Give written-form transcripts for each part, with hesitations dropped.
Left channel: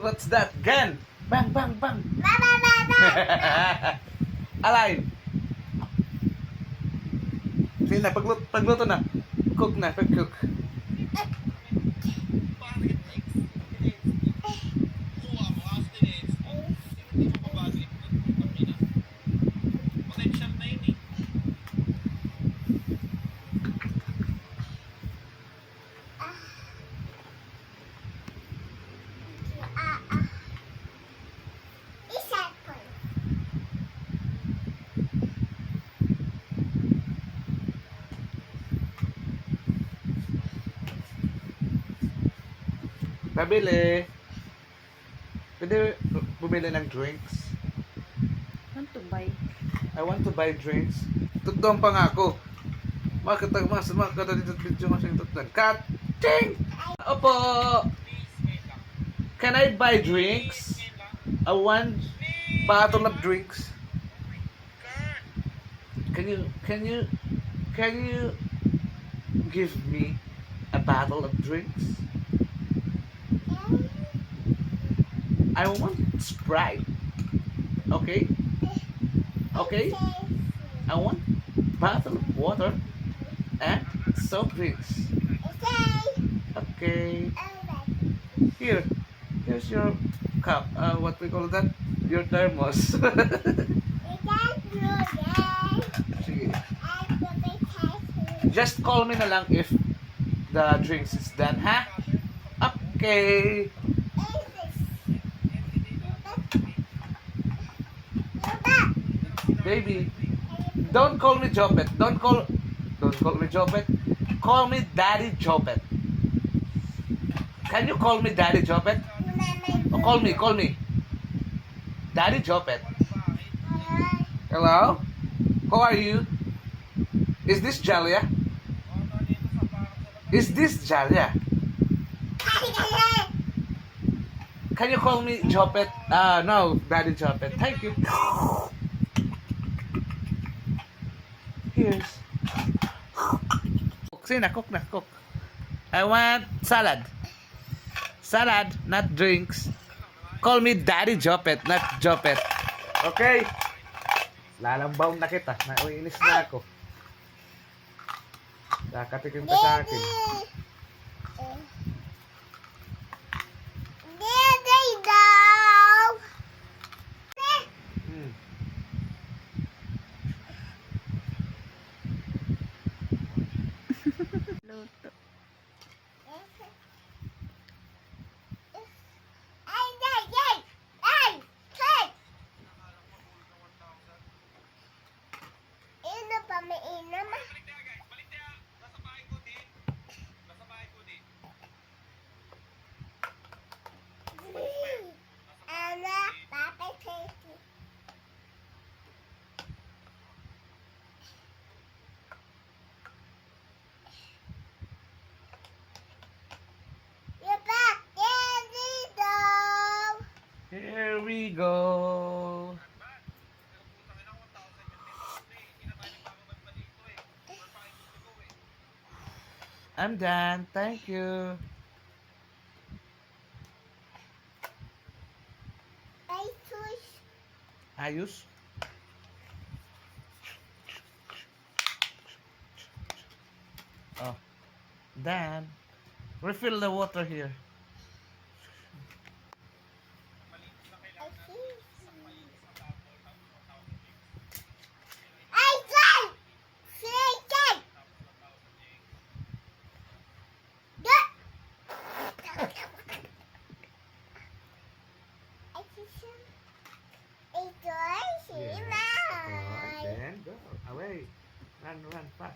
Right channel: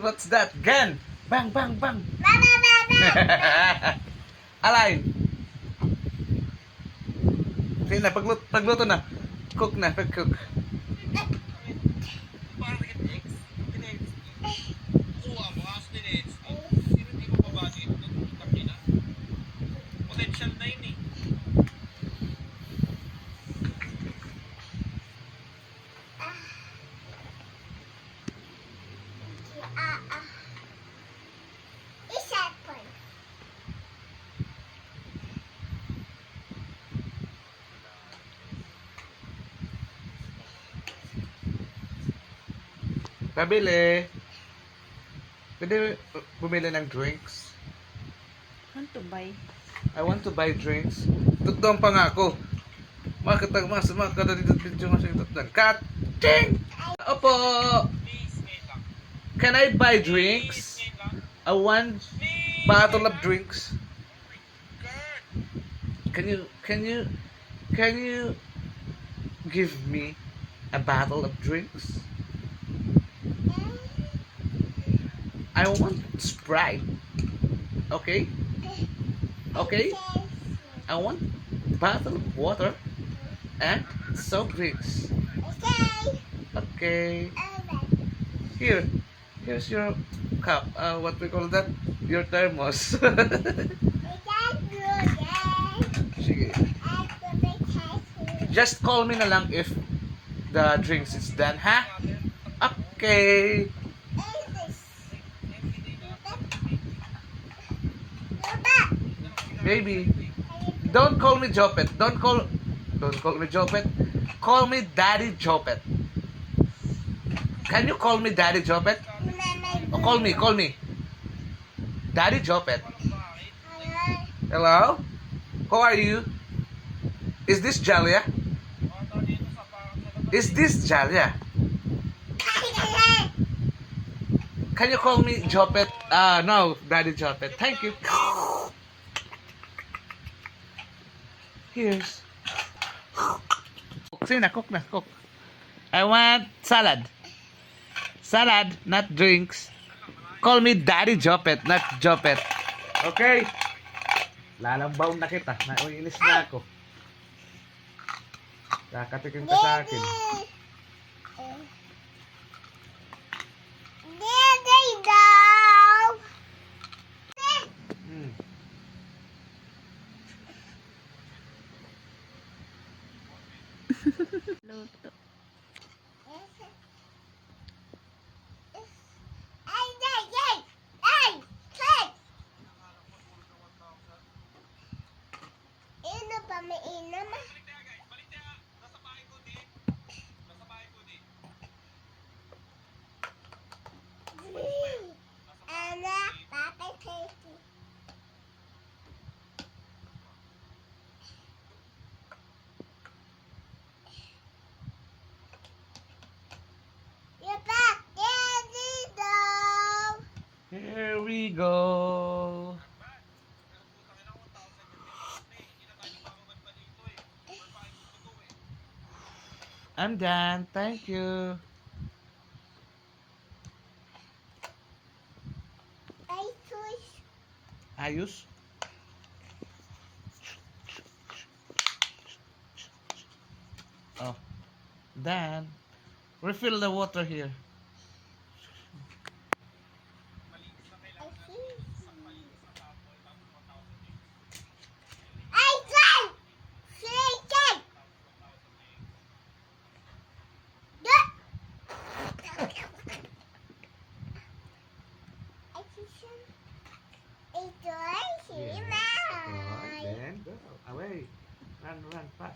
What's that? Gun! Bang, bang, bang! Mama, mama. Alay! Sige na, pagluto na. Cook na, pag-cook. Isa po. Pabili. Pwede bumili ng drinks. Want to buy? I want to buy drinks. Tutong pa nga ako. Makatag mas makatag dito video mas yung tutong. Cut! Ching! Opo! Can I buy drinks? I want bottle of drinks. Can you give me a bottle of drinks? I want Sprite. Okay? Okay? I want bottle of water and soft drinks. Okay. Here's your cup. What we call that? Your thermos. Sige. Just call me na lang if the drinks is done, ha? Okay. Baby, don't call me Jopet. Don't call me Jopet. Call me Daddy Jopet. Can you call me Daddy Jopet? Oh, call me. Daddy Jopet. Hello? How are you? Is this Jalia? Is this Jalia? Can you call me Jopet? No, Daddy Jopet. Thank you. Here's. Sige na, cook na, cook. I want salad. Salad, not drinks. Call me Daddy Jopet, not Jopet. Okay? Lalambaw na kita. Naiinis na ako. Kakatikim ka sa akin. Daddy, daw. Hmm. Luto. Ino pa may inam? Ana, Papa Casey. You're back, Daddy, daw. Here we go. I'm done. Thank you. I choose. Ayos. Oh, done. Refill the water here. I tried. Chicken. Alright, then go. Away. Run fast.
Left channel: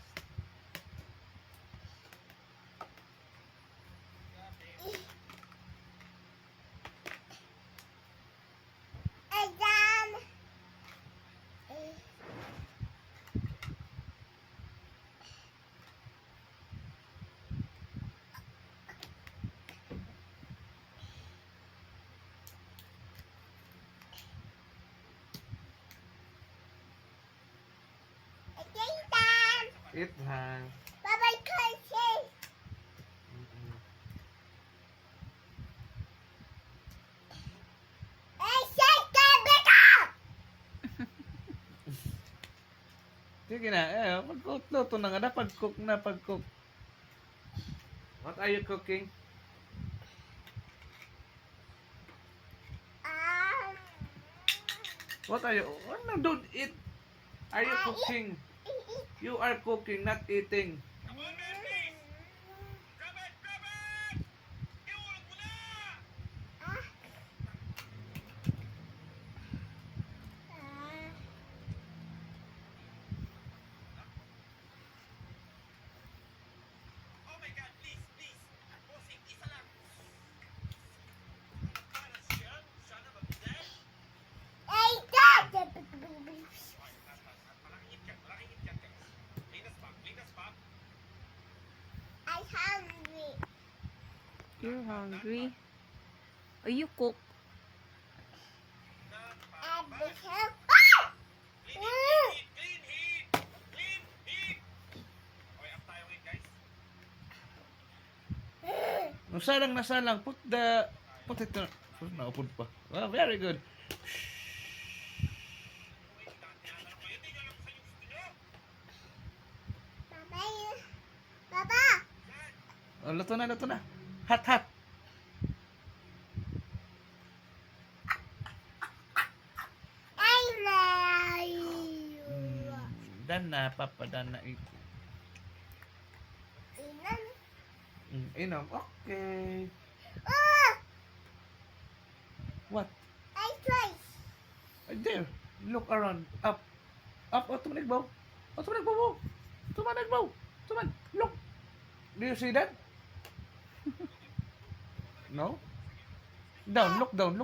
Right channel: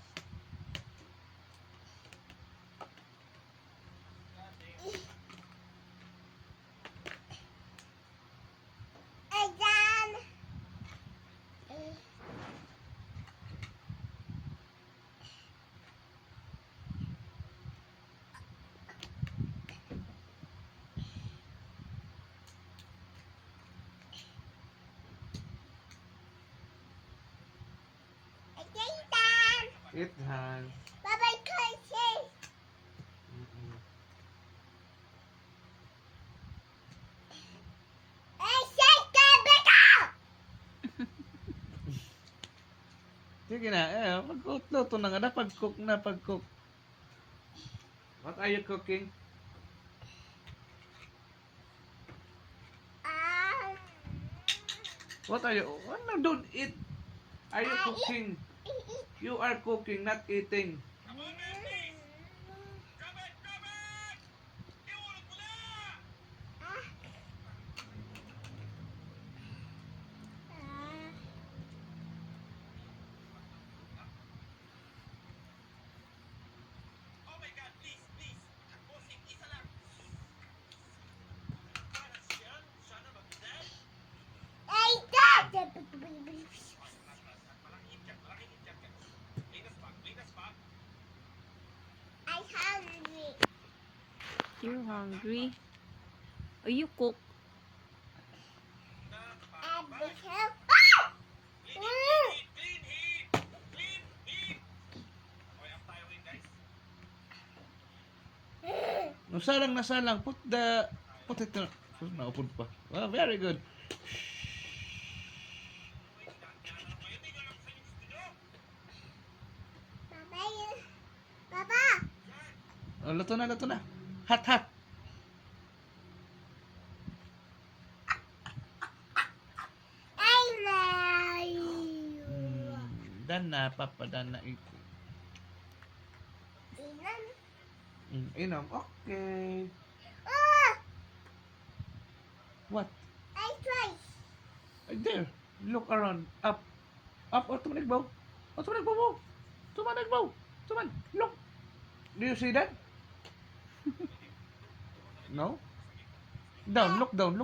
Eat time. Bye-bye, Casey. Mm-mm. Sige na, pagluto na nga na, pag-cook na, pag-cook. What are you cooking? Um, What are you, no, don't eat. Are you cooking? You are cooking, not eating. Ay, dad! I'm hungry. You hungry? Are you cook? And because... No, salang. Put it, naupod pa. Oh, very good. Papa, Papa! Oh, luto na. Hot. I love you. Dan na, papa, dan na eating. Inan. Inom, okay. Oh! What? I twice. There, look around. Up, tumanigbaw. Tuman, look. Do you see that? No? Down, look down.